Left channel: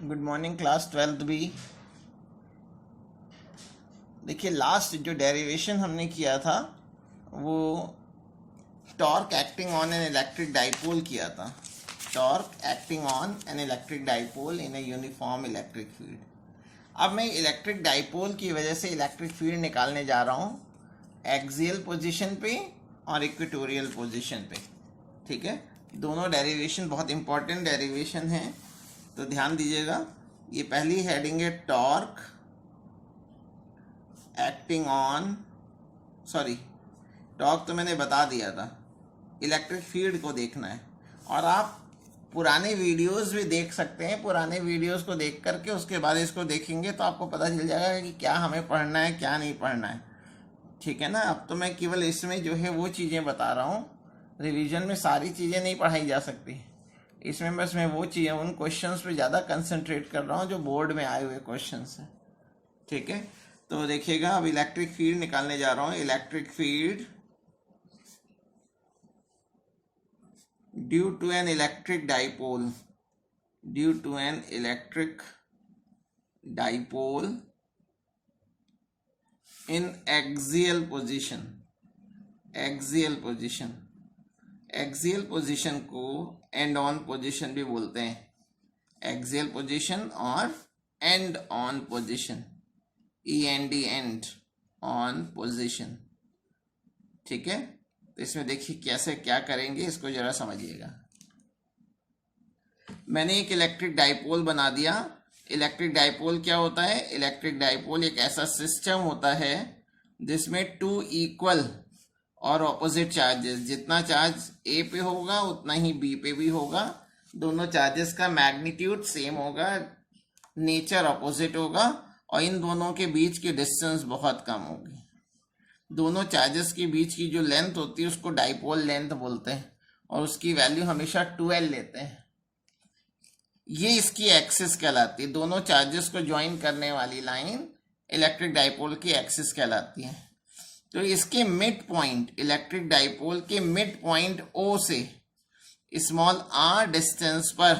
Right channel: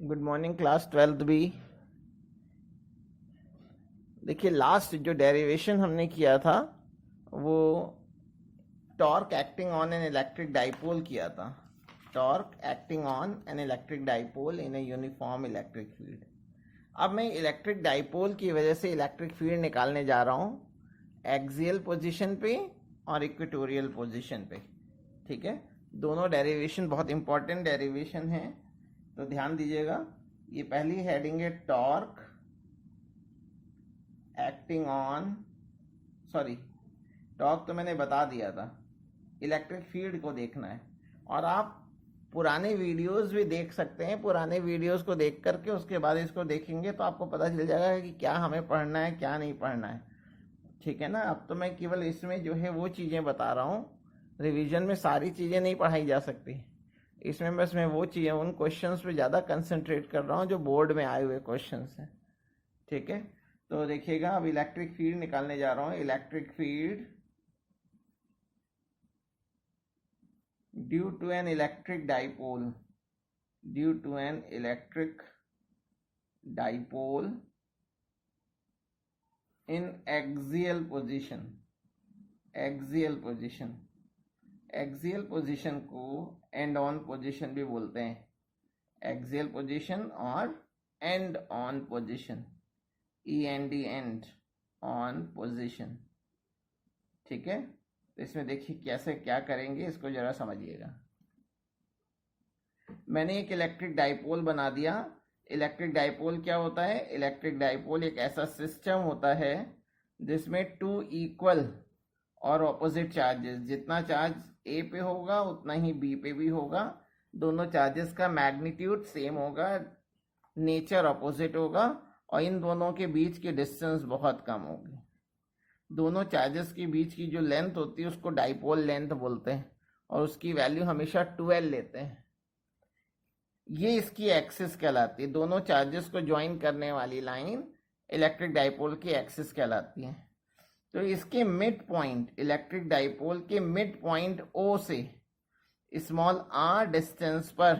Good morning class 12th B. देखिए last जो derivation हमने किया था वो torque acting on an electric dipole किया था। Torque acting on an electric dipole in a uniform electric field. अब मैं इलेक्ट्रिक डाइपोल की वजह से इलेक्ट्रिक फील्ड निकालने जा रहा हूँ एक्सियल पोजीशन पे और इक्वेटोरियल पोजीशन पे। ठीक है, दोनों डेरिवेशन बहुत इंपॉर्टेंट डेरिवेशन हैं, तो ध्यान दीजिएगा। ये पहली हेडिंग है torque acting on, sorry torque तो मैंने बता दिया था, इलेक्ट्रिक फील्ड को देखना है। और आप पुराने वीडियोस भी देख सकते हैं, पुराने वीडियोस को देख करके उसके बाद इसको देखेंगे तो आपको पता चल जाएगा कि क्या हमें पढ़ना है क्या नहीं पढ़ना है। ठीक है ना। अब तो मैं केवल इसमें जो है वो चीज़ें बता रहा हूँ, रिवीजन में सारी चीज़ें नहीं पढ़ाई जा सकती। इसमें बस मैं वो चीज़ें उन क्वेश्चंस पे ज़्यादा कंसंट्रेट कर रहा हूँ जो बोर्ड में आए हुए क्वेश्चंस हैं। ठीक है, तो देखिएगा अब इलेक्ट्रिक फील्ड निकालने जा रहा हूँ। Electric field due to an electric dipole, due to an electric dipole in axial position. Axial position, axial position को एंड ऑन पोजीशन भी बोलते हैं। एक्सियल पोजीशन और end on position, END end on position. ठीक है, तो इसमें देखिए कैसे क्या करेंगे, इसको जरा समझिएगा। मैंने एक इलेक्ट्रिक डाइपोल बना दिया। इलेक्ट्रिक डाइपोल क्या होता है? इलेक्ट्रिक डाइपोल एक ऐसा सिस्टम होता है जिसमें टू इक्वल और ऑपोजिट चार्जेस, जितना चार्ज ए पे होगा उतना ही बी पे भी होगा। दोनों चार्जेस का मैग्नीट्यूड सेम होगा, नेचर ऑपोजिट होगा, और इन दोनों के बीच की डिस्टेंस बहुत कम होगी। दोनों चार्जेस के बीच की जो लेंथ होती है उसको डाइपोल लेंथ बोलते हैं, और उसकी वैल्यू हमेशा 12 लेते हैं। ये इसकी एक्सिस कहलाती है। दोनों चार्जेस को ज्वाइन करने वाली लाइन इलेक्ट्रिक डाइपोल की एक्सिस कहलाती है। तो इसके मिड पॉइंट, इलेक्ट्रिक डाइपोल के मिड पॉइंट O से स्मॉल r डिस्टेंस पर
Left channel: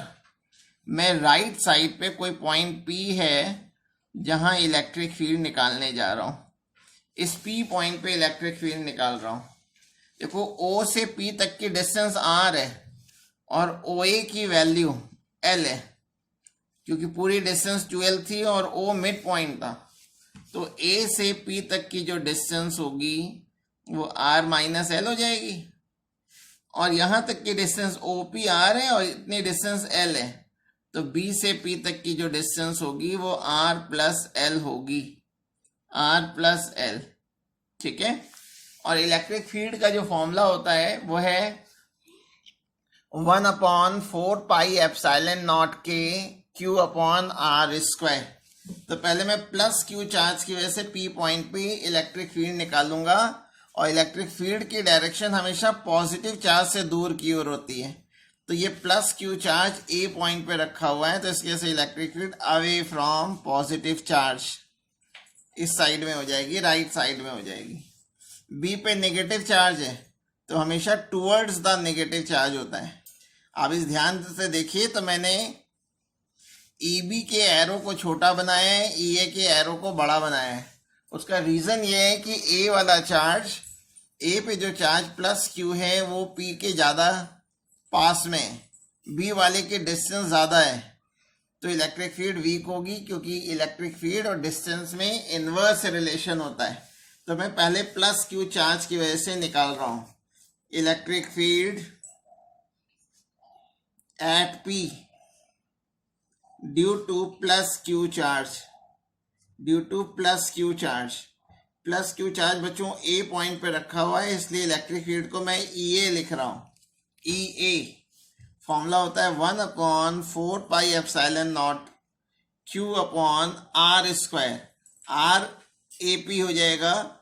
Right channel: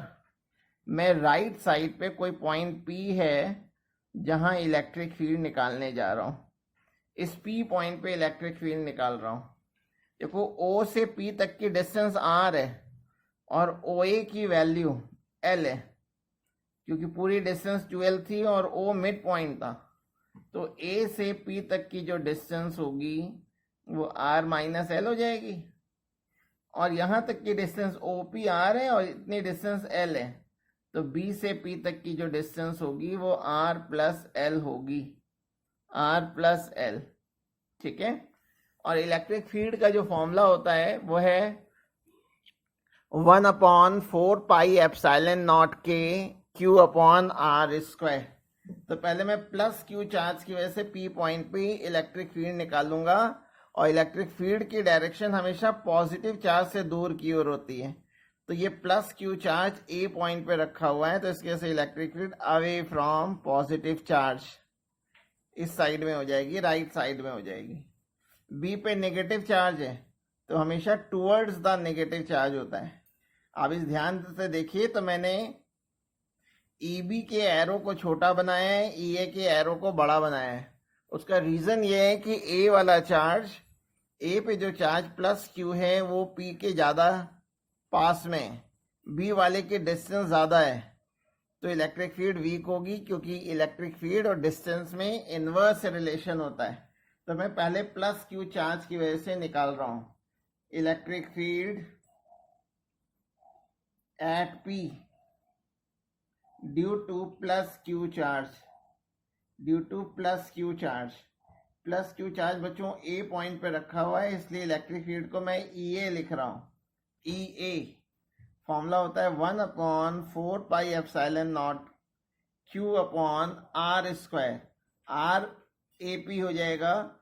मैं राइट साइड पे कोई पॉइंट P है जहां इलेक्ट्रिक फील्ड निकालने जा रहा हूं। इस P पॉइंट पे इलेक्ट्रिक फील्ड निकाल रहा हूं। देखो O से P तक की डिस्टेंस r है और OA की वैल्यू L है, क्योंकि पूरी डिस्टेंस 12 थी और O मिड पॉइंट था। तो A से P तक की जो डिस्टेंस होगी वो R माइनस L हो जाएगी, और यहाँ तक की डिस्टेंस OP R है और इतनी डिस्टेंस L है। तो B से P तक की जो डिस्टेंस होगी वो R प्लस L होगी, R प्लस L। ठीक है, और इलेक्ट्रिक फील्ड का जो फॉर्मूला होता है वो है 1/4πε0K Q upon R square. तो पहले मैं प्लस Q चार्ज की वजह से P पॉइंट पे इलेक्ट्रिक फील्ड निकालूंगा, और इलेक्ट्रिक फील्ड की डायरेक्शन हमेशा पॉजिटिव चार्ज से दूर की ओर होती है। तो ये plus Q charge A point पे रखा हुआ है, तो इसकी वजह से electric field away from positive charge इस साइड में हो जाएगी, राइट साइड में हो जाएगी। B पे नेगेटिव चार्ज है तो हमेशा टूवर्ड्स द नेगेटिव चार्ज होता है। आप इस ध्यान से देखिए, तो मैंने EB के एरो को छोटा बनाया है, EA के एरो को बड़ा बनाया है। उसका रीज़न ये है कि A वाला चार्ज, A पे जो चार्ज प्लस Q है वो P के ज़्यादा पास में है, B वाले के डिस्टेंस ज़्यादा है, तो इलेक्ट्रिक फील्ड वीक होगी, क्योंकि इलेक्ट्रिक फील्ड और डिस्टेंस में इन्वर्स रिलेशन होता है। तो मैं पहले प्लस Q चार्ज की वजह से निकाल रहा हूँ। Electric field at P due two plus Q charge, due two plus Q charge. Plus Q charge बच्चों A पॉइंट पे रखा हुआ है, इसलिए इलेक्ट्रिक फील्ड को मैं EA लिख रहा हूँ। EA फॉर्मूला होता है 1/4πε0Q upon R square. R AP हो जाएगा,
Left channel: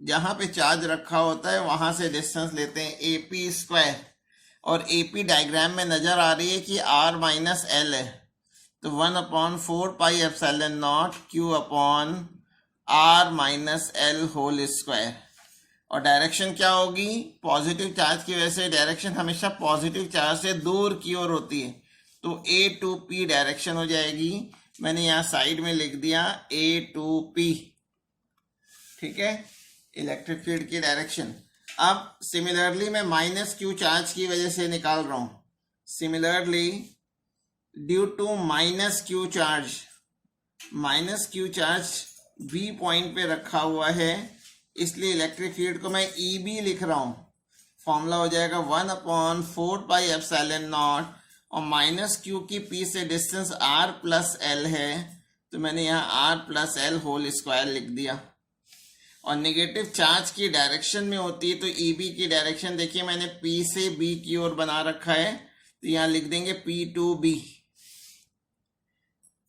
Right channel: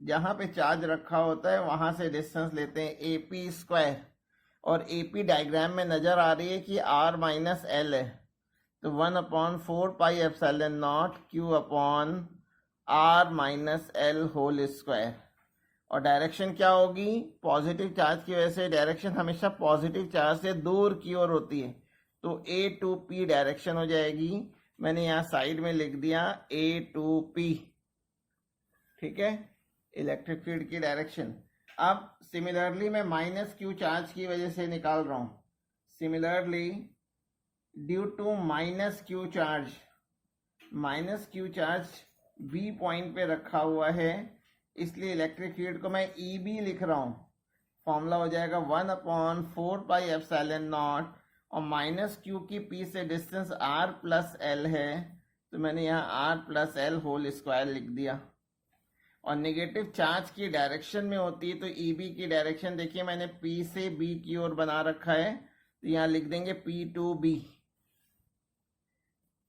जहाँ पे चार्ज रखा होता है वहाँ से डिस्टेंस लेते हैं AP स्क्वायर, और AP डायग्राम में नज़र आ रही है कि R माइनस L है, तो 1/4πε0Q upon R minus L whole square. और डायरेक्शन क्या होगी? पॉजिटिव चार्ज की वजह से डायरेक्शन हमेशा पॉजिटिव चार्ज से दूर की ओर होती है, तो ए टू पी डायरेक्शन हो जाएगी। मैंने यहाँ साइड में लिख दिया ए टू पी, ठीक है, इलेक्ट्रिक फील्ड की डायरेक्शन। अब सिमिलरली मैं माइनस क्यू चार्ज की वजह से निकाल रहा हूँ। Similarly due to minus Q charge B point पे रखा हुआ है, इसलिए इलेक्ट्रिक फील्ड को मैं ई बी लिख रहा हूँ। फॉर्मूला हो जाएगा 1/4πε0, और माइनस क्यू की पी से डिस्टेंस आर प्लस एल है, तो मैंने यहाँ R plus L whole square लिख दिया। और नेगेटिव चार्ज की डायरेक्शन में होती है, तो ई बी की डायरेक्शन देखिए मैंने पी से बी की ओर बना रखा है, तो यहाँ लिख देंगे पी टू बी,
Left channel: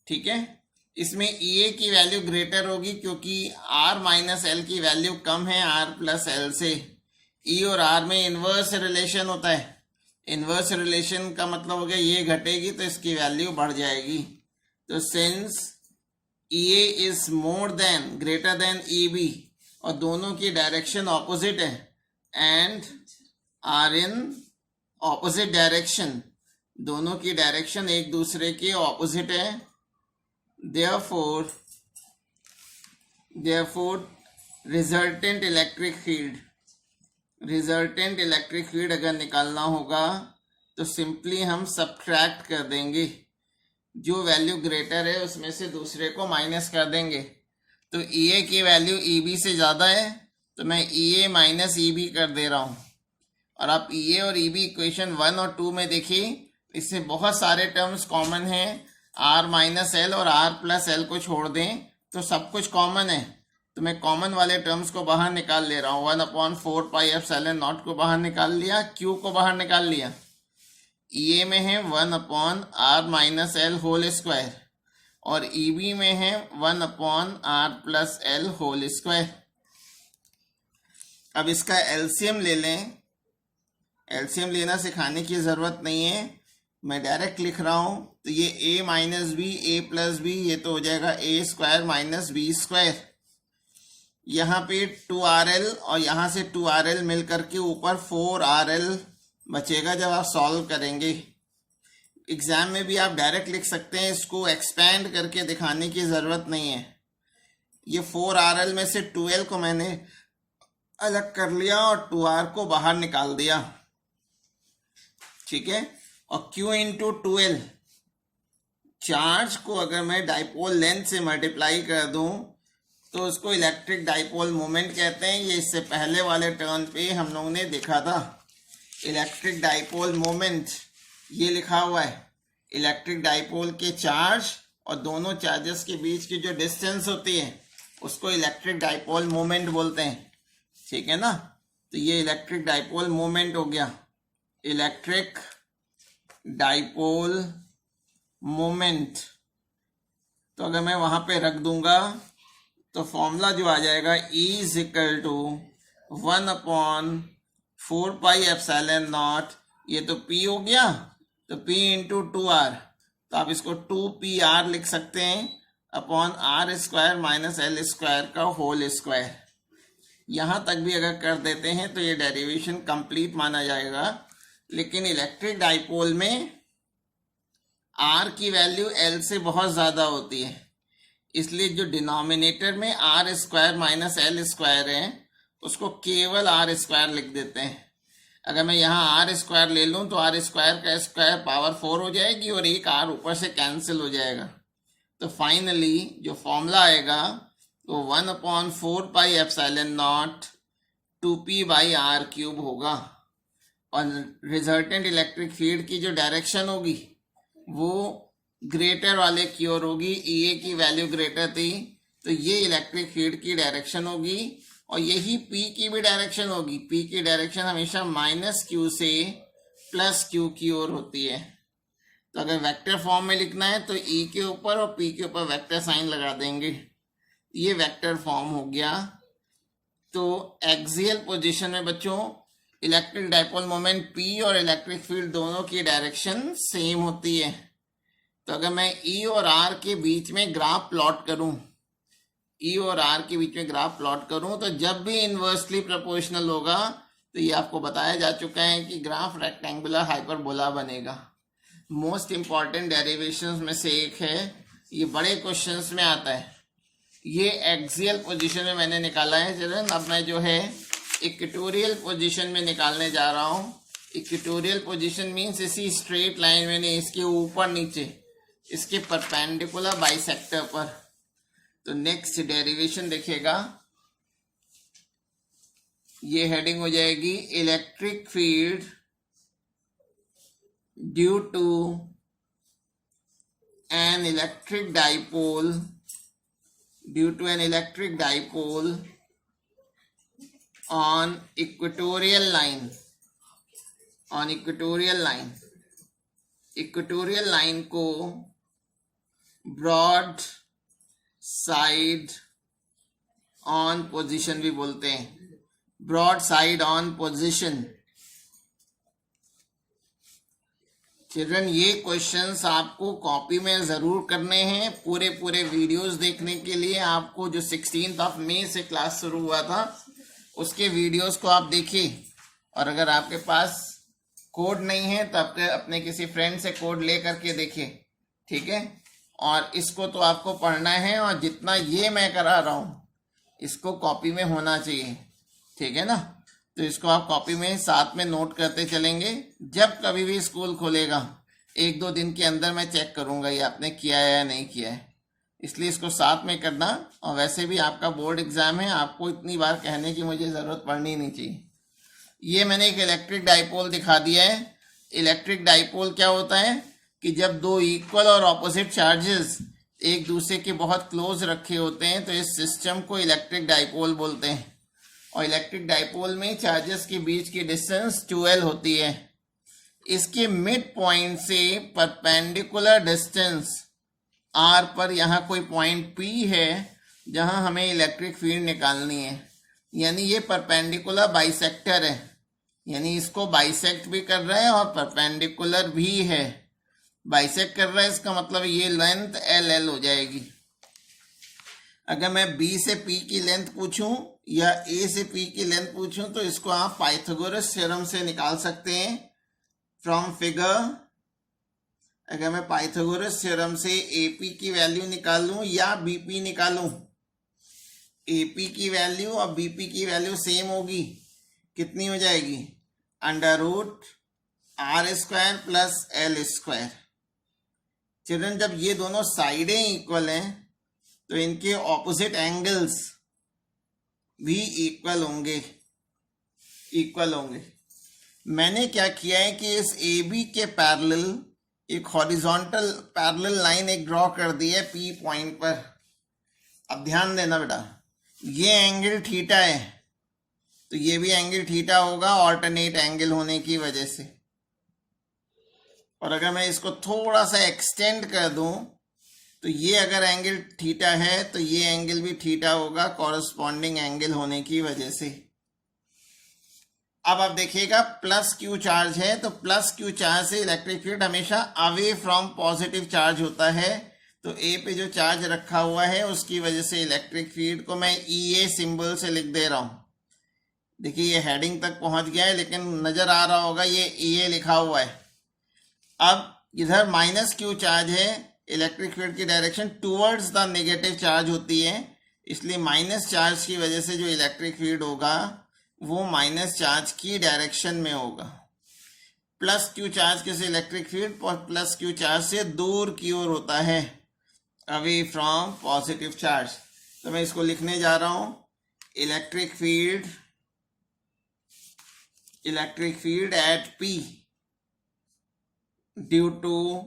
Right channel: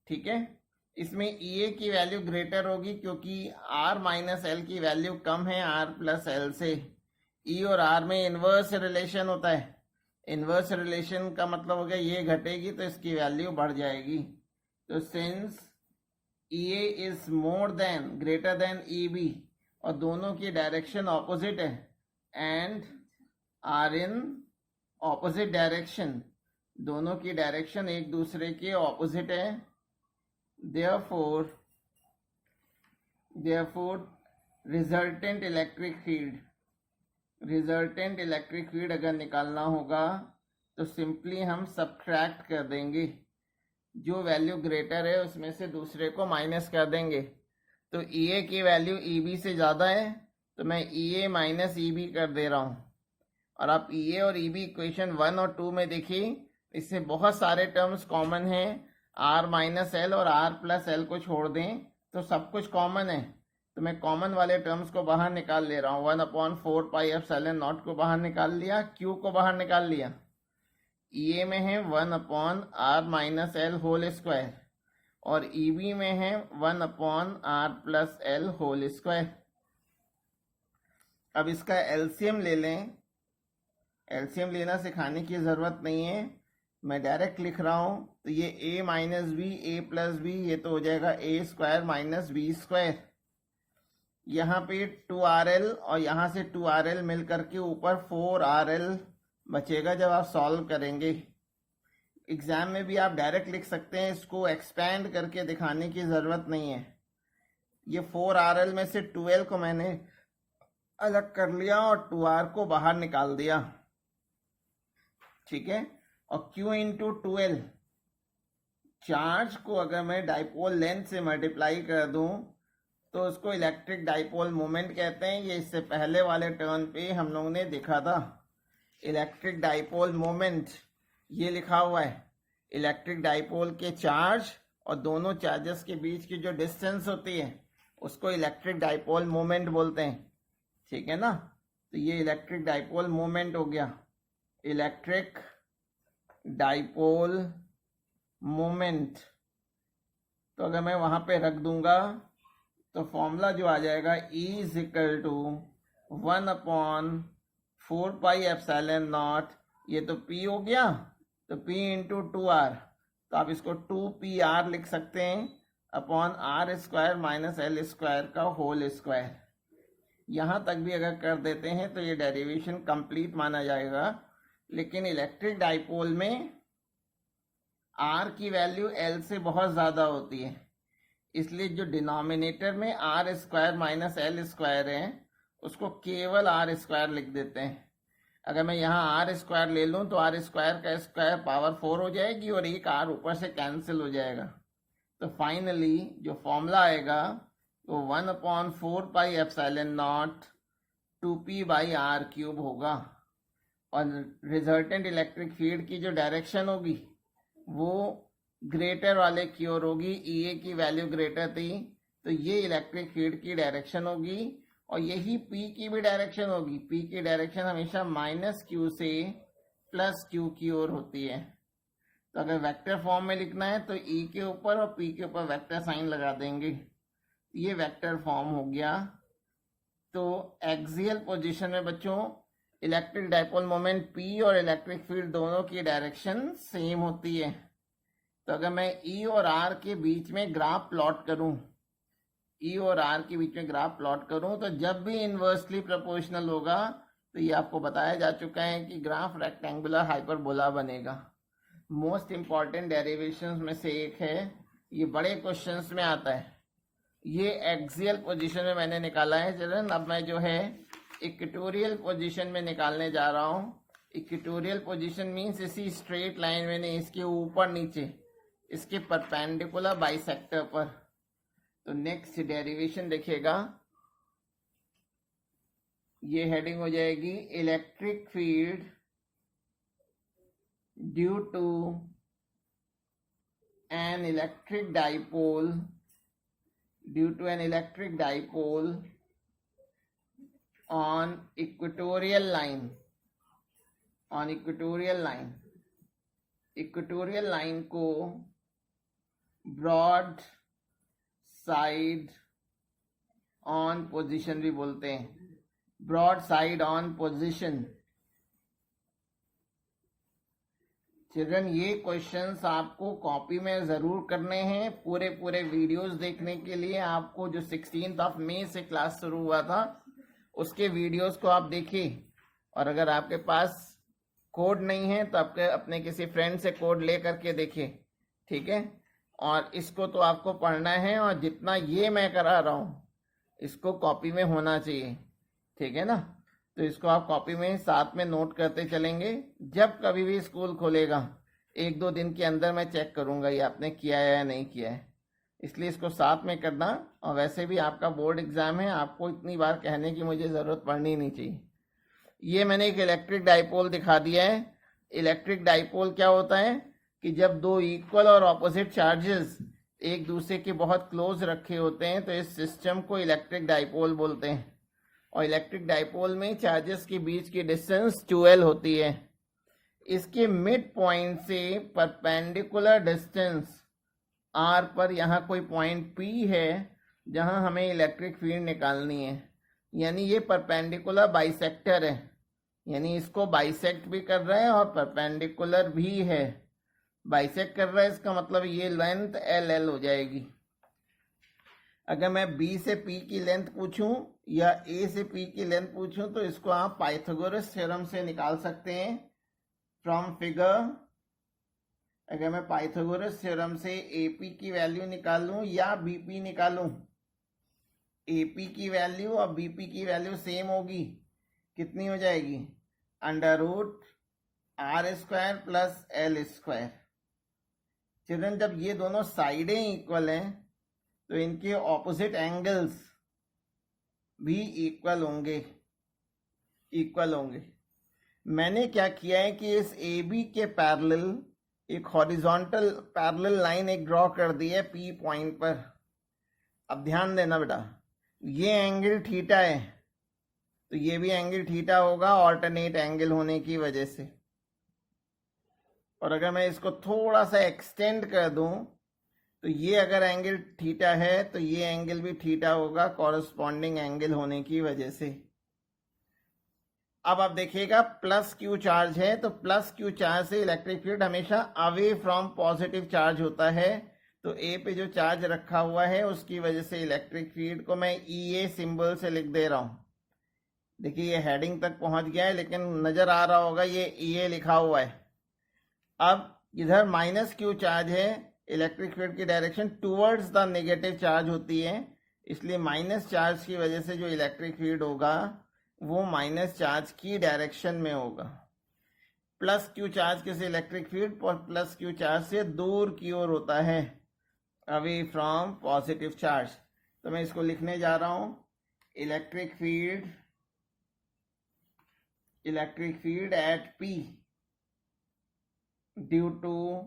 ठीक है। इसमें ई ए की वैल्यू ग्रेटर होगी क्योंकि आर माइनस एल की वैल्यू कम है आर प्लस एल से। ई और आर में इन्वर्स रिलेशन होता है। इन्वर्स रिलेशन का मतलब हो गया ये घटेगी तो इसकी वैल्यू बढ़ जाएगी। तो since E A is more than greater than E B, और दोनों की डायरेक्शन ऑपोजिट है and are in opposite direction, दोनों की डायरेक्शन एक दूसरे के ऑपोजिट है। therefore रिजल्टेंट इलेक्ट्रिक फील्ड अगर निकालना होगा तो सिंपली हम सब्ट्रैक्ट कर देंगे, जो वैल्यू ग्रेटर है उसमें से दूसरे को माइनस कर देंगे। तो ई ए की वैल्यू ई बी से ज़्यादा है, तो मैं ई ए माइनस ई बी कर दे रहा हूँ। और आप ई ए और ई बी इक्वेशन 1 और 2 में देखिए, इससे बहुत सारे टर्म्स कॉमन हैं। आर माइनस एल और आर प्लस एल को छोड़ दें तो सब कुछ कॉमन है, तो मैं कॉमन वाले टर्म्स को बाहर निकाल ले रहा हूँ। 1/4πε0 को बाहर निकाल लिया, क्यू को बाहर निकाल लिया। ई ए में है 1/r minus L whole square, और ई बी में है 1/r plus L whole square. अब इसका एलसीएम ले लें। एलसीएम लेना सिखाने की ज़रूरत नहीं है, मैं डायरेक्ट लिख रहा हूँ। तो ये a minus b, a plus b, ये तो हो जाएगा a square minus b square. यहाँ पे 2RL और यहाँ से 2RL मिल करके ऊपर 4RL बचेगा जब आप सॉल्व करेंगे। एग्ज़ाम में भी आप डायरेक्ट लिख सकते हैं, इसको एक्सपेंड करके दिखाने की ज़रूरत नहीं है। ये 4RL में से 2L को मैंने अलग कर लिया और 2R को बाहर निकाल दिया, ठीक है। और Q इंटू 2L, चार्ज को अगर मैं डाइपोल लेंथ से मल्टीप्लाई कर दूं तो उसको इलेक्ट्रिक डाइपोल मोमेंट कहते हैं। ये इससे पहले वाले टर्न पे हम लोगों ने देखा था। इलेक्ट्रिक डाइपोल मोमेंट ये लिखा हुआ है। इलेक्ट्रिक डाइपोल के चार्ज और दोनों चार्जेस के बीच की जो डिस्टेंस होती है उसको इलेक्ट्रिक डाइपोल मोमेंट बोलते हैं, ठीक है ना। तो ये इलेक्ट्रिक डाइपोल मोमेंट हो गया, इलेक्ट्रिक डाइपोल मोमेंट। तो अगर मैं वहाँ पे रख दूंगा तो फॉर्मूला जो आ जाएगा E इज इक्वल टू 1/4πε0, ये तो P हो गया, तो P इंटू 2R, तो आप इसको 2PR लिख सकते हैं upon R square minus L square का होल स्क्वायर। यहाँ तक भी अगर कर देते हैं तो ये डेरिवेशन कंप्लीट माना जाएगा। लेकिन इलेक्ट्रिक डाइपोल में R की वैल्यू L से बहुत ज़्यादा होती है, इसलिए जो डिनोमिनेटर में R square minus L square है उसको केवल R स्क्वायर लिख देते हैं। अगर मैं यहाँ R स्क्वायर ले लूँ तो R स्क्वायर का स्क्वायर पावर 4 हो जाएगी और एक R ऊपर से कैंसिल हो जाएगा। तो फाइनली जो फॉर्मूला आएगा वो 1/4πε0 2p/r³ होगा। और रिजल्टेंट इलेक्ट्रिक फील्ड की जो डायरेक्शन होगी वो ग्रेटर वाले की ओर होगी। ई ए की वैल्यू ग्रेटर थी तो ये इलेक्ट्रिक फील्ड की डायरेक्शन होगी, और यही पी की भी डायरेक्शन होगी। पी की डायरेक्शन हमेशा माइनस क्यू से प्लस क्यू की ओर होती है। तो अगर वेक्टर फॉर्म में लिखना है तो ई के ऊपर और पी के ऊपर वेक्टर साइन लगा देंगे, ये वेक्टर फॉर्म हो गया। तो एक्सियल पोजीशन में बच्चों इलेक्ट्रिक डाइपोल मोमेंट पी और इलेक्ट्रिक फील्ड दोनों की डायरेक्शन सेम होती है। तो अगर मैं ई और आर के बीच में ग्राफ प्लॉट करूं, ई और आर के बीच में ग्राफ प्लॉट करूं, तो जब भी इन्वर्सली प्रोपोर्शनल होगा तो ये आपको बताया जा चुका है कि ग्राफ रेक्टेंगुलर हाइपरबोला बनेगा। मोस्ट इम्पॉर्टेंट डेरिवेशंस में से एक है, ये बड़े क्वेश्चंस में आता है। ये एक्सियल पोजीशन में मैंने निकाला है चिल्ड्रन। अब मैं जो है इक्वेटोरियल पोजीशन में निकालने जा रहा हूँ। इक्वेटोरियल पोजीशन मीन्स इसी स्ट्रेट लाइन में नहीं, इसके ऊपर नीचे, इसके परपेंडिकुलर बाइसेक्टर पर। तो नेक्स्ट डेरिवेशन देखिएगा, ये हेडिंग हो जाएगी electric field due to an electric dipole, due to an electric dipole on equatorial line, on equatorial line, equatorial line को broad side on position भी बोलते हैं, broad side on position। Children ये questions आपको copy में ज़रूर करने हैं। पूरे वीडियोस देखने के लिए आपको जो 16 मई से क्लास शुरू हुआ था उसके वीडियोस को आप देखिए, और अगर आपके पास कोड नहीं है तो आपके अपने किसी फ्रेंड से कोड ले करके देखिए, ठीक है। और इसको तो आपको पढ़ना है, और जितना ये मैं करा रहा हूँ इसको कॉपी में होना चाहिए, ठीक है ना। तो इसको आप कॉपी में साथ में नोट करते चलेंगे। जब कभी भी स्कूल खोलेगा 1-2 दिन के अंदर मैं चेक करूंगा ये आपने किया है या नहीं किया है, इसलिए इसको साथ में करना। और वैसे भी आपका बोर्ड एग्जाम है, आपको इतनी बार कहने की मुझे ज़रूरत पड़नी नहीं चाहिए। ये मैंने एक इलेक्ट्रिक डाइपोल दिखा दिया है। इलेक्ट्रिक डाइपोल क्या होता है कि जब दो इक्वल और ऑपोजिट चार्जेस एक दूसरे के बहुत क्लोज रखे होते हैं तो इस सिस्टम को इलेक्ट्रिक डाइपोल बोलते हैं। और इलेक्ट्रिक डाइपोल में चार्जेस के बीच की डिस्टेंस 2L होती है। इसके मिड पॉइंट से परपेंडिकुलर डिस्टेंस R पर यहाँ कोई पॉइंट P है जहाँ हमें इलेक्ट्रिक फील्ड निकालनी है, यानी ये परपेंडिकुलर बाइसेक्टर है, यानी इसको बाइसेक्ट भी कर रहा है और परपेंडिकुलर भी है। बाइसेक्ट कर रहा है इसका मतलब ये लेंथ LL हो जाएगी। अगर मैं B से P की लेंथ पूछूं या A से P की लेंथ पूछूं तो इसको आप पाइथागोरस थ्योरम से निकाल सकते हैं फ्रॉम फिगर। अगर मैं पाइथागोरस थ्योरम से AP की वैल्यू निकालूं या BP निकालूं, AP की वैल्यू और BP की वैल्यू सेम होगी, कितनी हो जाएगी, √R² प्लस L²। चिल्ड्रन जब ये दोनों साइडें इक्वल हैं तो इनके ऑपोजिट एंगल्स भी इक्वल होंगे। मैंने क्या किया है कि इस AB के पैरेलल एक हॉरिजॉन्टल पैरेलल लाइन एक ड्रॉ कर दी है P पॉइंट पर। अब ध्यान देना बेटा, ये एंगल थीटा है तो ये भी एंगल थीटा होगा ऑल्टरनेट एंगल होने की वजह से। और अगर मैं इसको थोड़ा सा एक्सटेंड कर दूं तो ये अगर एंगल थीटा है तो ये एंगल भी थीटा होगा कॉरस्पॉन्डिंग एंगल होने की वजह से। अब आप देखिएगा प्लस Q चार्ज है तो प्लस Q चार्ज से इलेक्ट्रिक फील्ड हमेशा अवे फ्रॉम पॉजिटिव चार्ज होता है। तो A पे जो चार्ज रखा हुआ है उसकी वजह से इलेक्ट्रिक फील्ड को मैं EA सिंबल से लिख दे रहा हूँ। देखिए ये हेडिंग तक पहुंच गया है लेकिन नज़र आ रहा होगा ये EA लिखा हुआ है। अब इधर माइनस Q चार्ज है, इलेक्ट्रिक फील्ड की direction towards the negative charge होती है, इसलिए माइनस चार्ज की वजह से जो इलेक्ट्रिक फील्ड होगा वो माइनस चार्ज की डायरेक्शन में होगा। प्लस Q चार्ज के से इलेक्ट्रिक फील्ड और प्लस Q चार्ज से दूर की ओर होता है, अवे फ्रॉम पॉजिटिव चार्ज। तो मैं इसको लिखने जा रहा हूँ, electric field at P due two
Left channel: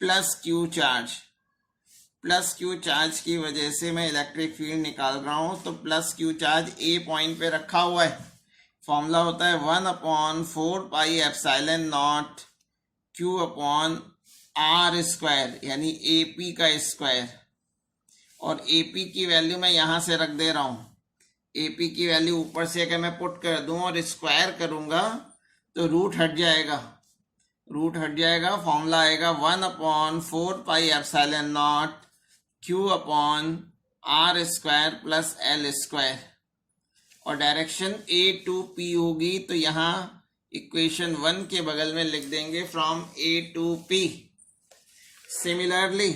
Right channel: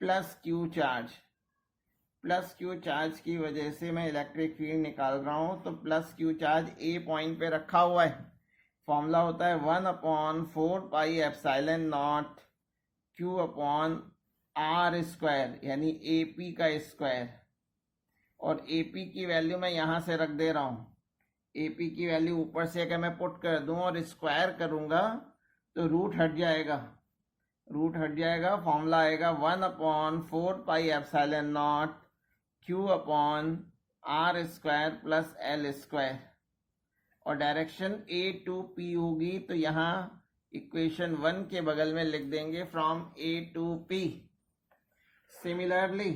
plus Q charge की वजह से मैं इलेक्ट्रिक फील्ड निकाल रहा हूँ। तो plus Q charge A point पे रखा हुआ है, फॉर्मूला होता है 1/4πε0 Q/r², यानी AP का स्क्वायर। और AP की वैल्यू मैं यहाँ से रख दे रहा हूँ। AP की वैल्यू ऊपर से अगर मैं पुट कर दूँ और स्क्वायर करूँगा तो रूट हट जाएगा, फॉर्मूला आएगा 1/4πε0 Q/r² प्लस L²। और डायरेक्शन A to P होगी तो यहाँ इक्वेशन 1 के बगल में लिख देंगे from A to P. Similarly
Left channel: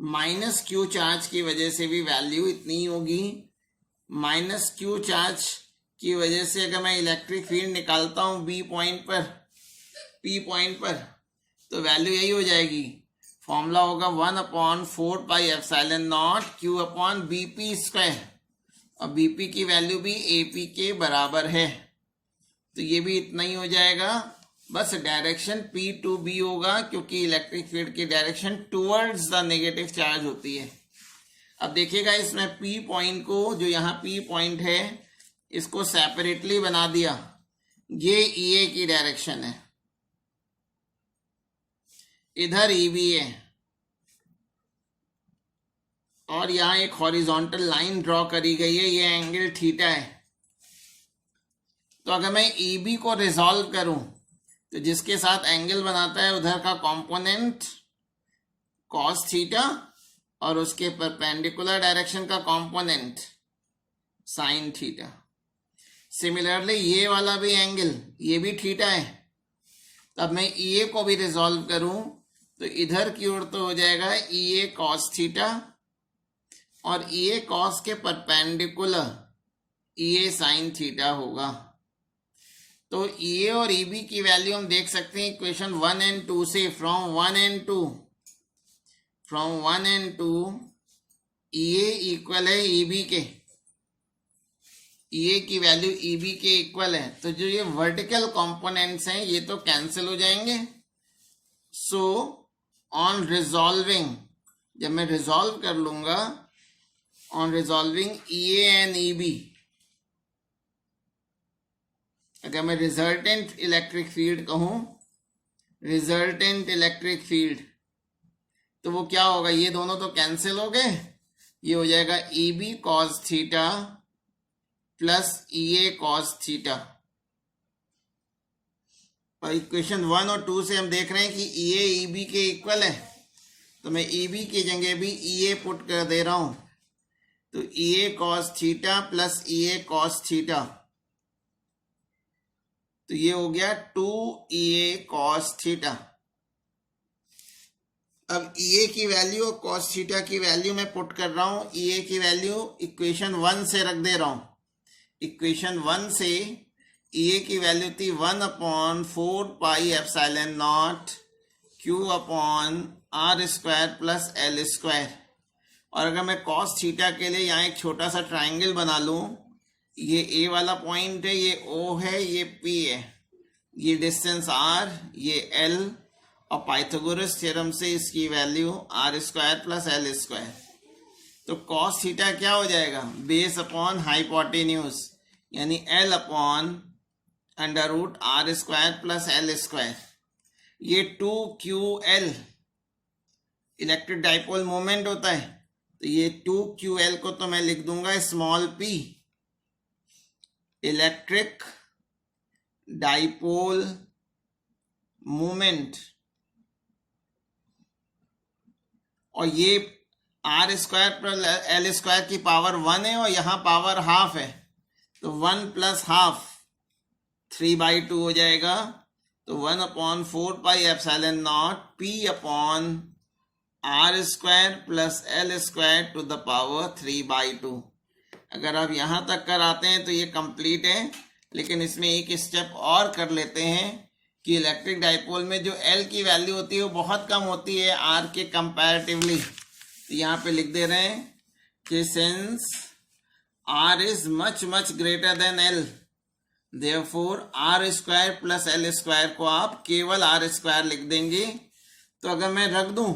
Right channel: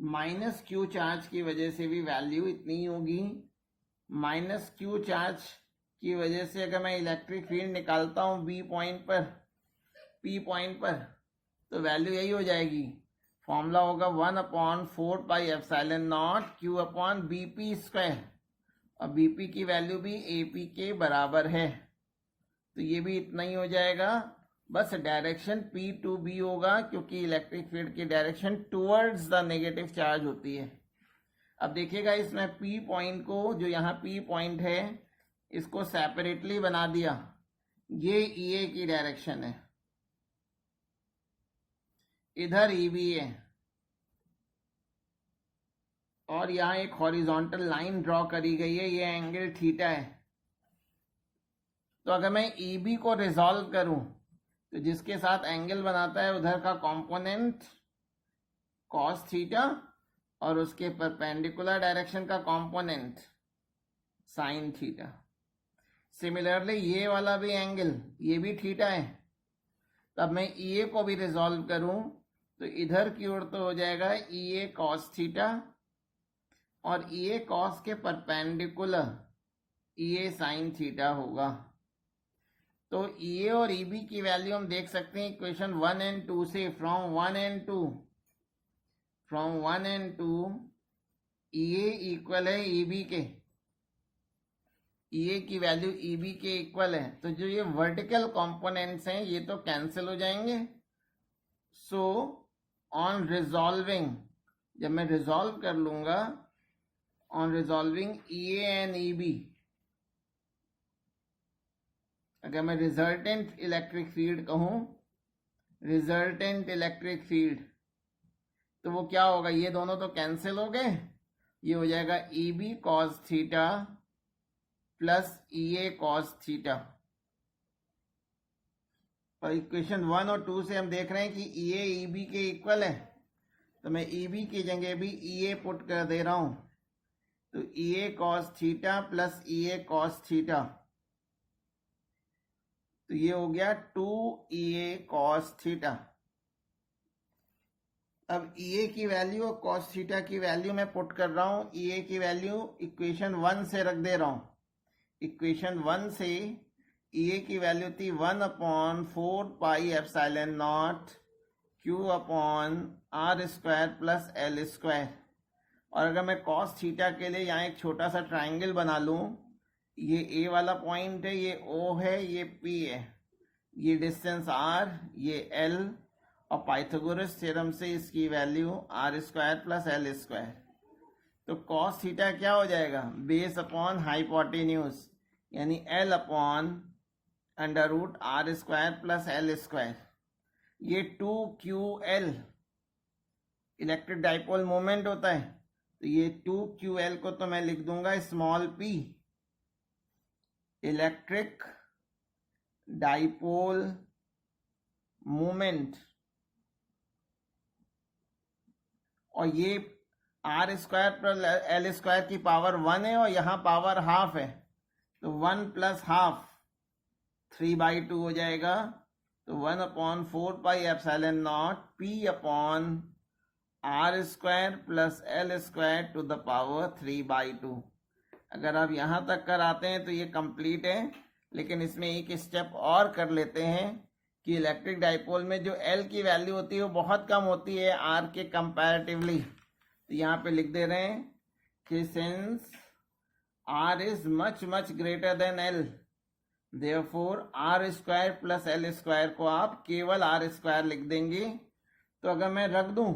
minus Q charge की वजह से भी वैल्यू इतनी होगी। माइनस क्यू चार्ज की वजह से अगर मैं इलेक्ट्रिक फील्ड निकालता हूँ बी पॉइंट पर, पी पॉइंट पर, तो वैल्यू यही हो जाएगी। फॉर्मूला होगा 1/4 pi epsilon naught Q upon B P square, और बी पी की वैल्यू भी ए पी के बराबर है, तो ये भी इतना ही हो जाएगा। बस डायरेक्शन पी टू बी होगा, क्योंकि इलेक्ट्रिक फील्ड की direction towards the negative charge होती है। अब देखिएगा इसमें पी पॉइंट को, जो यहाँ पी पॉइंट है, इसको सेपरेटली बना दिया। ये ई ए की डायरेक्शन है, इधर ई बी है, और यहाँ एक हॉरिजॉन्टल लाइन ड्रॉ करी गई है, ये एंगल थीटा है। तो अगर मैं ई बी को रिजॉल्व करूं, तो जिसके साथ एंगल बनाता है उधर का कंपोनेंट कॉस थीटा, और उसके परपेंडिकुलर डायरेक्शन का कंपोनेंट साइन थीटा। सिमिलरली ये वाला भी एंगल, ये भी थीटा है। तब मैं ई ए को भी रिजॉल्व करूं, तो इधर की ओर तो हो जाएगा ई ए कॉस थीटा, और ई ए कॉस के परपेंडिकुलर ई ए साइन थीटा होगा। तो ई ए और ई बी की वैल्यू हम देख सकते हैं इक्वेशन 1 एंड 2 से। From 1 and 2 E A equal है ई बी के, ई ए की वैल्यू ई बी के इक्वल है। तो जो ये वर्टिकल कंपोनेंट्स हैं ये तो कैंसिल हो जाएंगे। सो ऑन रिजॉल्विंग, जब मैं रिजॉल्व कर लूंगा, on resolving E A and E B, अगर मैं रिजल्टेंट इलेक्ट्रिक फील्ड कहूं, रिजल्टेंट इलेक्ट्रिक फील्ड, तो वो क्या होगा, ये दोनों तो कैंसिल हो गए, ये हो जाएगा e b cos theta plus e a cos theta. और इक्वेशन 1 और 2 से हम देख रहे हैं कि ई ए ई बी के इक्वल है, तो मैं ई बी की जगह भी ई ए पुट कर दे रहा हूं। तो ई a cos theta plus e a cos theta, तो ये हो गया 2EA कॉस थीटा। अब EA की वैल्यू और कॉस थीटा की वैल्यू मैं पुट कर रहा हूं। EA की वैल्यू इक्वेशन 1 से रख दे रहा हूं। इक्वेशन 1 से EA की वैल्यू थी 1/4 pi epsilon naught Q upon R square plus L square. और अगर मैं कॉस थीटा के लिए यहाँ एक छोटा सा ट्राइंगल बना लूँ, ये ए वाला पॉइंट है, ये ओ है, ये पी है, ये डिस्टेंस आर, ये एल, और पाइथागोरस थ्योरम से इसकी value R square plus L square. तो कॉस थीटा क्या हो जाएगा, बेस अपॉन हाइपोटेन्यूज, यानी L upon under root R square plus L square. ये 2QL इलेक्ट्रिक डाइपोल मोमेंट होता है, तो ये 2QL को तो मैं लिख दूंगा small p, electric dipole moment, और ये R square plus L square की पावर 1 है और यहाँ पावर हाफ है, तो 1 प्लस हाफ 3/2 हो जाएगा। तो 1/4 pi epsilon naught p upon R square plus L square to the power 3/2। अगर आप यहाँ तक कर आते हैं तो ये कंप्लीट है, लेकिन इसमें एक स्टेप और कर लेते हैं कि इलेक्ट्रिक डाइपोल में जो L की वैल्यू होती है वो बहुत कम होती है R के कंपैरेटिवली। तो यहाँ पे लिख दे रहे हैं कि since R is much much greater than L, therefore R square plus L square को आप केवल आर स्क्वायर लिख देंगे। तो अगर मैं रख दूं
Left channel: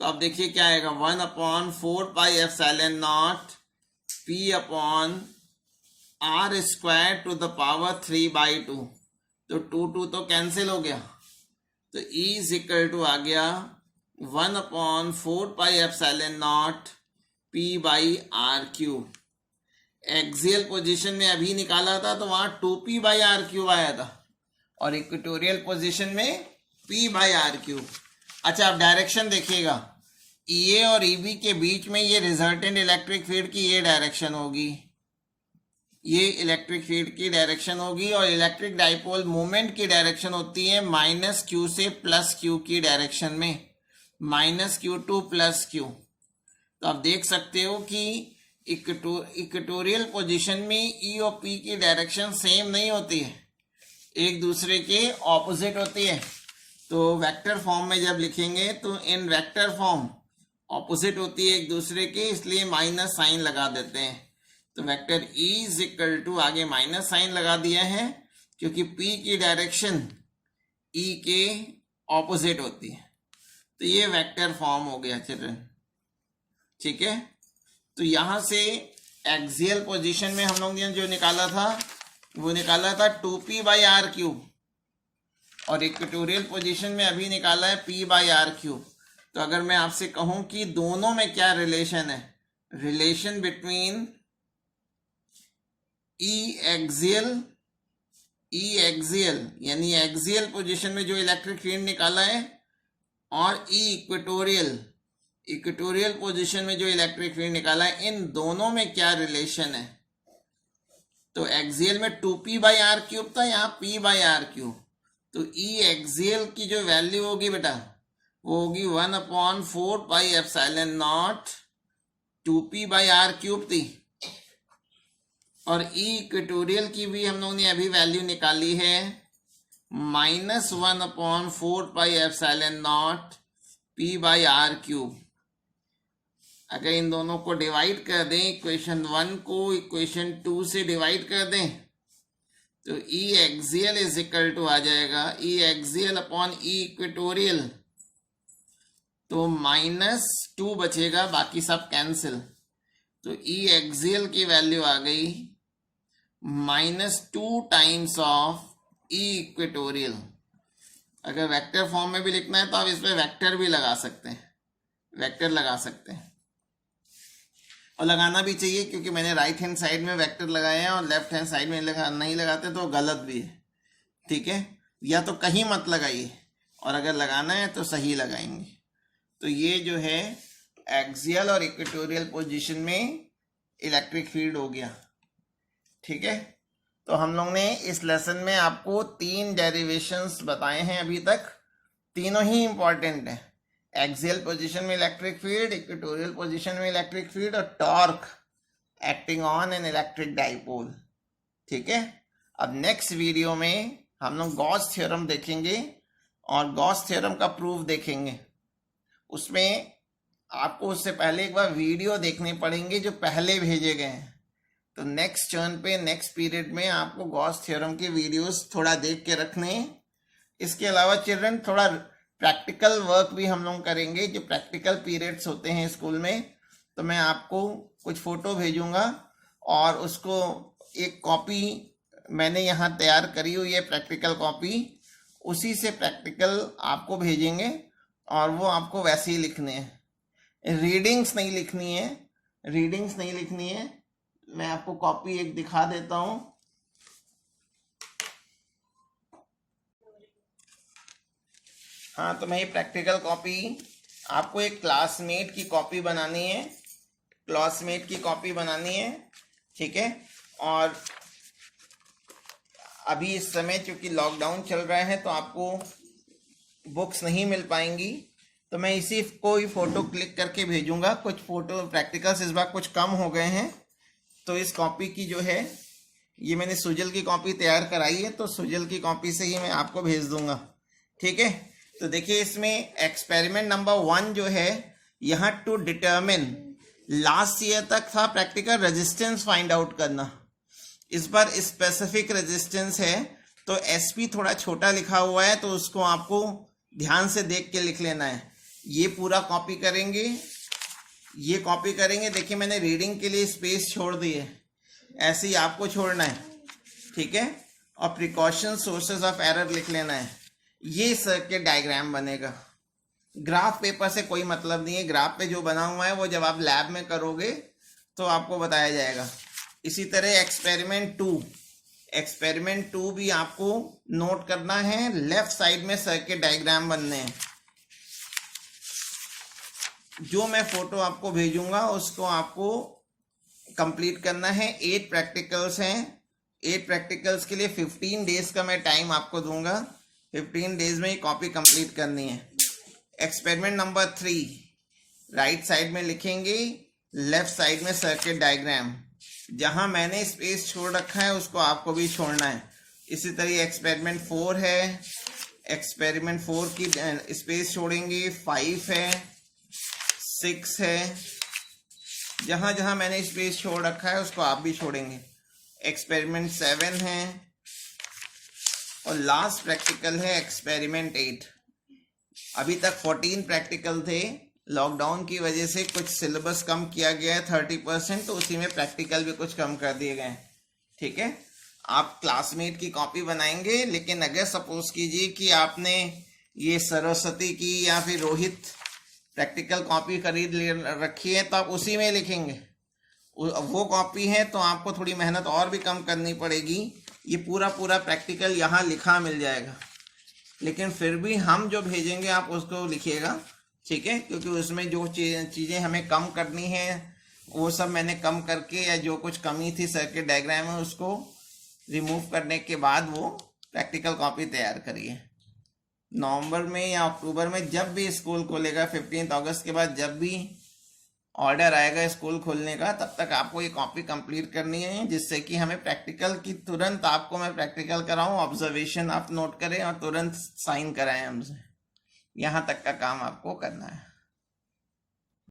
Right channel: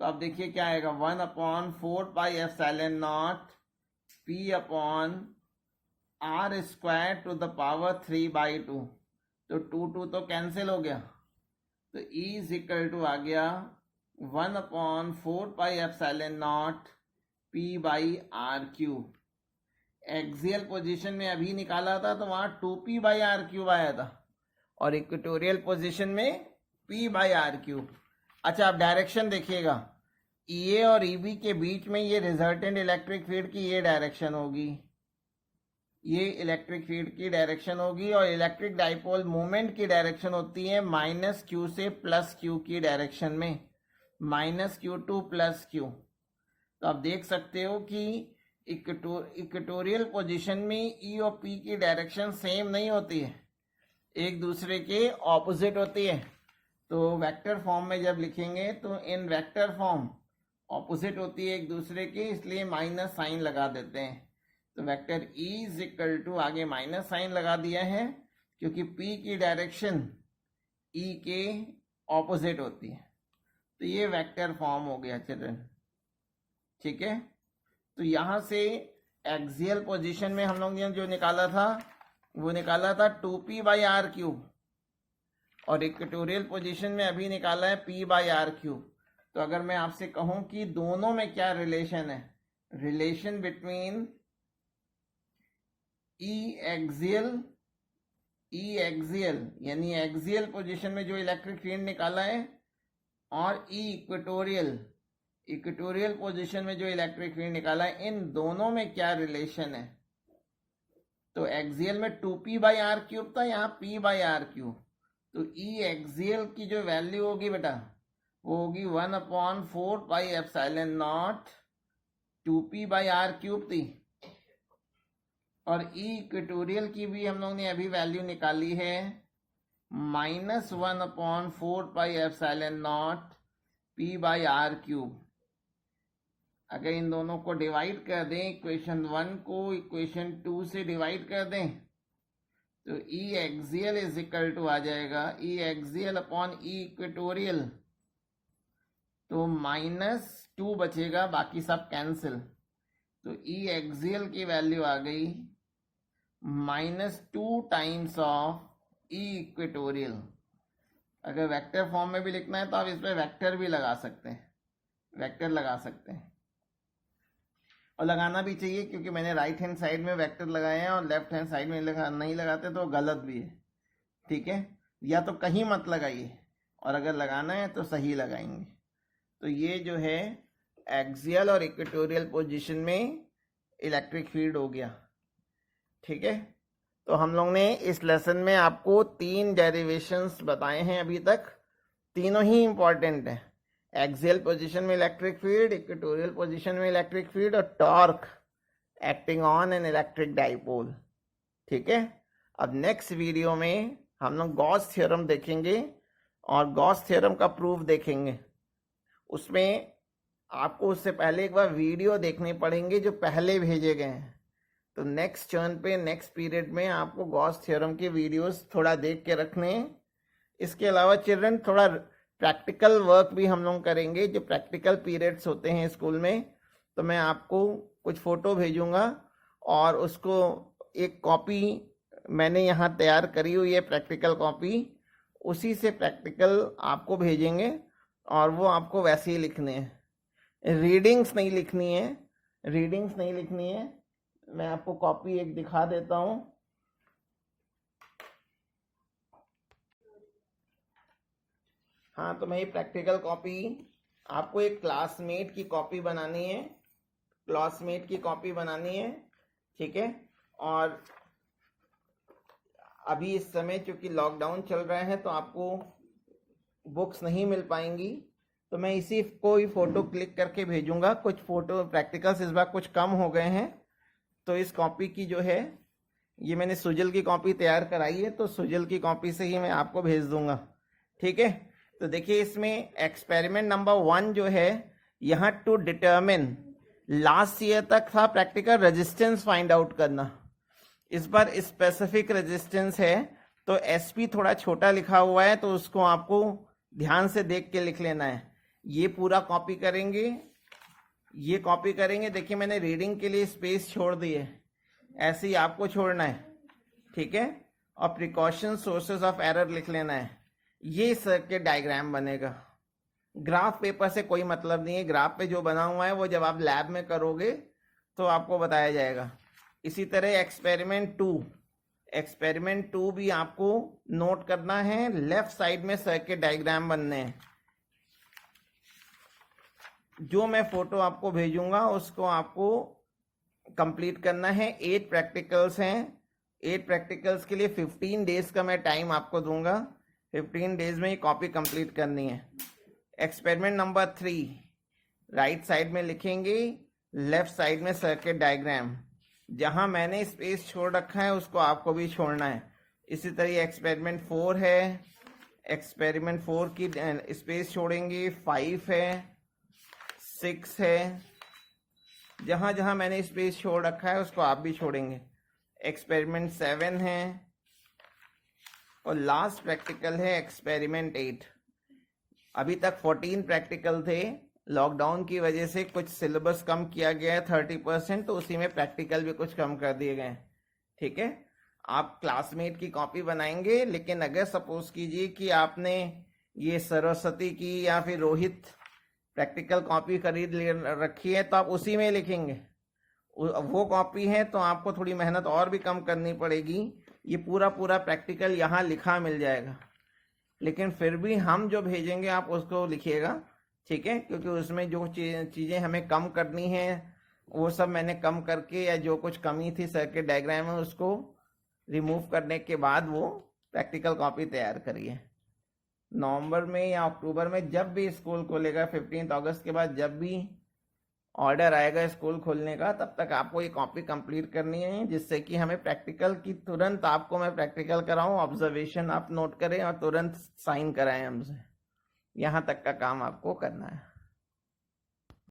तो आप देखिए क्या आएगा, 1/4 pi epsilon naught p upon R square to the power 3/2। तो 2 तो कैंसिल हो गया, तो E इज इक्वल टू आ गया 1/4 pi epsilon naught p by R cube. Axial position में अभी निकाला था तो वहां 2p बाई आर क्यूब आया था, और इक्वेटोरियल पोजीशन में p बाई आर क्यूब। अच्छा, अब डायरेक्शन देखिएगा, EA और EB के बीच में ये रिजल्टेंट इलेक्ट्रिक फील्ड की ये डायरेक्शन होगी, ये इलेक्ट्रिक फील्ड की डायरेक्शन होगी, और इलेक्ट्रिक डाइपोल मोमेंट की डायरेक्शन होती है माइनस क्यू से प्लस क्यू की डायरेक्शन में, minus Q two plus Q. तो आप देख सकते हो कि इक्वेटोरियल पोजीशन में ई और पी की डायरेक्शन सेम नहीं होती है, एक दूसरे के ऑपोजिट होती है। तो वेक्टर फॉर्म में जब लिखेंगे तो इन वेक्टर फॉर्म ऑपोजिट होती है एक दूसरे के, इसलिए माइनस साइन लगा देते हैं। तो vector E is equal to, आगे माइनस साइन लगा दिया है क्योंकि P की डायरेक्शन E के ऑपोजिट होती है। तो ये वेक्टर फॉर्म हो गया चिल्ड्रन, ठीक है। तो यहाँ से एक्सियल पोजीशन में हम लोग ने जो निकाला था वो निकाला था 2p/r³, और इक्वेटोरियल पोजीशन में अभी निकाला है p/r³। तो अगर मैं आपसे कहूँ कि दोनों में क्या रिलेशन है, रिलेशन बिटवीन ई एक्सियल यानी एक्सियल पोजीशन में जो इलेक्ट्रिक फील्ड निकाला है, और इक्वेटोरियल पोजीशन में जो इलेक्ट्रिक फील्ड निकाला है, इन दोनों में क्या रिलेशन है। तो एक्सियल में 2p/r³ था, यहाँ p/r³। तो ई एक्सियल की जो वैल्यू होगी बेटा वो होगी 1/4πε0 2p/r³ थी, और ई इक्वेटोरियल की भी हम लोगों ने अभी वैल्यू निकाली है -1/4πε0 p/r³। अगर इन दोनों को डिवाइड कर दें, इक्वेशन 1 को इक्वेशन 2 से डिवाइड कर दें, तो ई एक्सियल इज इक्वल टू आ जाएगा ई एक्सियल अपॉन ई इक्वेटोरियल, तो -2 बचेगा, बाकी सब कैंसिल। तो ई एक्सियल की वैल्यू आ गई -2 टाइम्स ऑफ ई इक्वेटोरियल। अगर वेक्टर फॉर्म में भी लिखना है तो आप इस पर वेक्टर भी लगा सकते हैं, वेक्टर लगा सकते हैं, और लगाना भी चाहिए, क्योंकि मैंने राइट हैंड साइड में वेक्टर लगाए हैं और लेफ्ट हैंड साइड में नहीं लगाते तो गलत भी है, ठीक है। या तो कहीं मत लगाइए, और अगर लगाना है तो सही लगाएंगे। तो ये जो है एक्सियल और इक्वेटोरियल पोजीशन में इलेक्ट्रिक फील्ड हो गया, ठीक है। तो हम लोग ने इस लेसन में आपको 3 डेरिवेशंस बताए हैं अभी तक, तीनों ही इंपॉर्टेंट है। एक्सियल पोजीशन में इलेक्ट्रिक फील्ड, इक्वेटोरियल पोजीशन में इलेक्ट्रिक फील्ड, और torque acting on an electric dipole, ठीक है। अब नेक्स्ट वीडियो में हम लोग गॉस थ्योरम देखेंगे और गॉस थ्योरम का प्रूफ देखेंगे। उसमें आपको उससे पहले एक बार वीडियो देखने पड़ेंगे जो पहले भेजे गए हैं। तो नेक्स्ट टर्न पे, नेक्स्ट पीरियड में आपको गॉस थ्योरम के वीडियोस थोड़ा देख के रखने हैं। इसके अलावा चिल्ड्रन थोड़ा प्रैक्टिकल वर्क भी हम लोग करेंगे, जो प्रैक्टिकल पीरियड्स होते हैं स्कूल में। तो मैं आपको कुछ फ़ोटो भेजूंगा, और उसको एक कॉपी मैंने यहाँ तैयार करी हुई है, प्रैक्टिकल कॉपी, उसी से प्रैक्टिकल आपको भेजेंगे, और वो आपको वैसे ही लिखने हैं, रीडिंग्स नहीं लिखनी है, रीडिंग्स नहीं लिखनी है। मैं आपको कॉपी एक दिखा देता हूँ। हाँ, तो मैं ये प्रैक्टिकल कॉपी, आपको एक क्लासमेट की कॉपी बनानी है, क्लासमेट की कॉपी बनानी है, ठीक है। और अभी इस समय चूँकि लॉकडाउन चल रहा है तो आपको बुक्स नहीं मिल पाएंगी, तो मैं इसी को ही फ़ोटो क्लिक करके भेजूंगा। कुछ फ़ोटो प्रैक्टिकल्स इस बार कुछ कम हो गए हैं, तो इस कॉपी की जो है, ये मैंने सुजल की कॉपी तैयार कराई है, तो सुजल की कॉपी से ही मैं आपको भेज दूंगा, ठीक है। तो देखिए इसमें एक्सपेरिमेंट नंबर 1 जो है, यहाँ टू डिटर्मिन, लास्ट ईयर तक था प्रैक्टिकल रेजिस्टेंस फाइंड आउट करना, इस बार स्पेसिफिक रेजिस्टेंस है। तो एसपी थोड़ा छोटा लिखा हुआ है, तो उसको आपको ध्यान से देख के लिख लेना है। ये पूरा कॉपी करेंगे, ये कॉपी करेंगे। देखिए मैंने रीडिंग के लिए स्पेस छोड़ दी है, ऐसे ही आपको छोड़ना है, ठीक है। और प्रिकॉशन सोर्सेज ऑफ एरर लिख लेना है। ये सर्किट डायग्राम बनेगा, ग्राफ पेपर से कोई मतलब नहीं है। ग्राफ पे जो बना हुआ है वो जब आप लैब में करोगे तो आपको बताया जाएगा। इसी तरह एक्सपेरिमेंट 2 भी आपको नोट करना है। लेफ्ट साइड में सर्किट डायग्राम बनने हैं। जो मैं फोटो आपको भेजूंगा उसको आपको कंप्लीट करना है। 8 प्रैक्टिकल्स हैं। 8 प्रैक्टिकल्स के लिए 15 डेज का मैं टाइम आपको दूंगा। 15 डेज में ये कॉपी कंप्लीट करनी है। एक्सपेरिमेंट नंबर 3, राइट साइड में लिखेंगे, लेफ्ट साइड में सर्किट डायग्राम। जहां मैंने स्पेस छोड़ रखा है उसको आपको भी छोड़ना है। इसी तरह एक्सपेरिमेंट 4 है, एक्सपेरिमेंट 4 की स्पेस छोड़ेंगे। 5 है, 6 है, जहां जहां मैंने स्पेस छोड़ रखा है उसको आप भी छोड़ेंगे। एक्सपेरिमेंट 7 है और लास्ट प्रैक्टिकल है एक्सपेरिमेंट 8। अभी तक 14 प्रैक्टिकल थे, लॉकडाउन की वजह से कुछ सिलेबस कम किया गया है 30%, तो उसी में प्रैक्टिकल भी कुछ कम कर दिए गए हैं। ठीक है, आप क्लासमेट की कॉपी बनाएंगे, लेकिन अगर सपोज कीजिए कि आपने ये सरस्वती की या फिर रोहित प्रैक्टिकल कॉपी खरीद रखी है तो आप उसी में लिखेंगे। वो कॉपी है तो आपको थोड़ी मेहनत और भी कम करनी पड़ेगी। ये पूरा पूरा प्रैक्टिकल यहाँ लिखा मिल जाएगा, लेकिन फिर भी हम जो भेजेंगे आप उसको लिखिएगा। ठीक है, क्योंकि उसमें जो चीज़ें हमें कम करनी है वो सब मैंने कम करके, या जो कुछ कमी थी सर्किट डायग्राम में उसको रिमूव करने के बाद वो प्रैक्टिकल कॉपी तैयार करिए। नवंबर में या अक्टूबर में जब भी स्कूल खोलेगा, 15 अगस्त के बाद जब भी ऑर्डर आएगा स्कूल खोलने का, तब तक आपको ये कॉपी कंप्लीट करनी है, जिससे कि हमें प्रैक्टिकल की तुरंत आपको मैं प्रैक्टिकल कराऊं, ऑब्जर्वेशन आप नोट करें और तुरंत साइन कराएं हमसे। यहाँ तक का काम आपको करना है।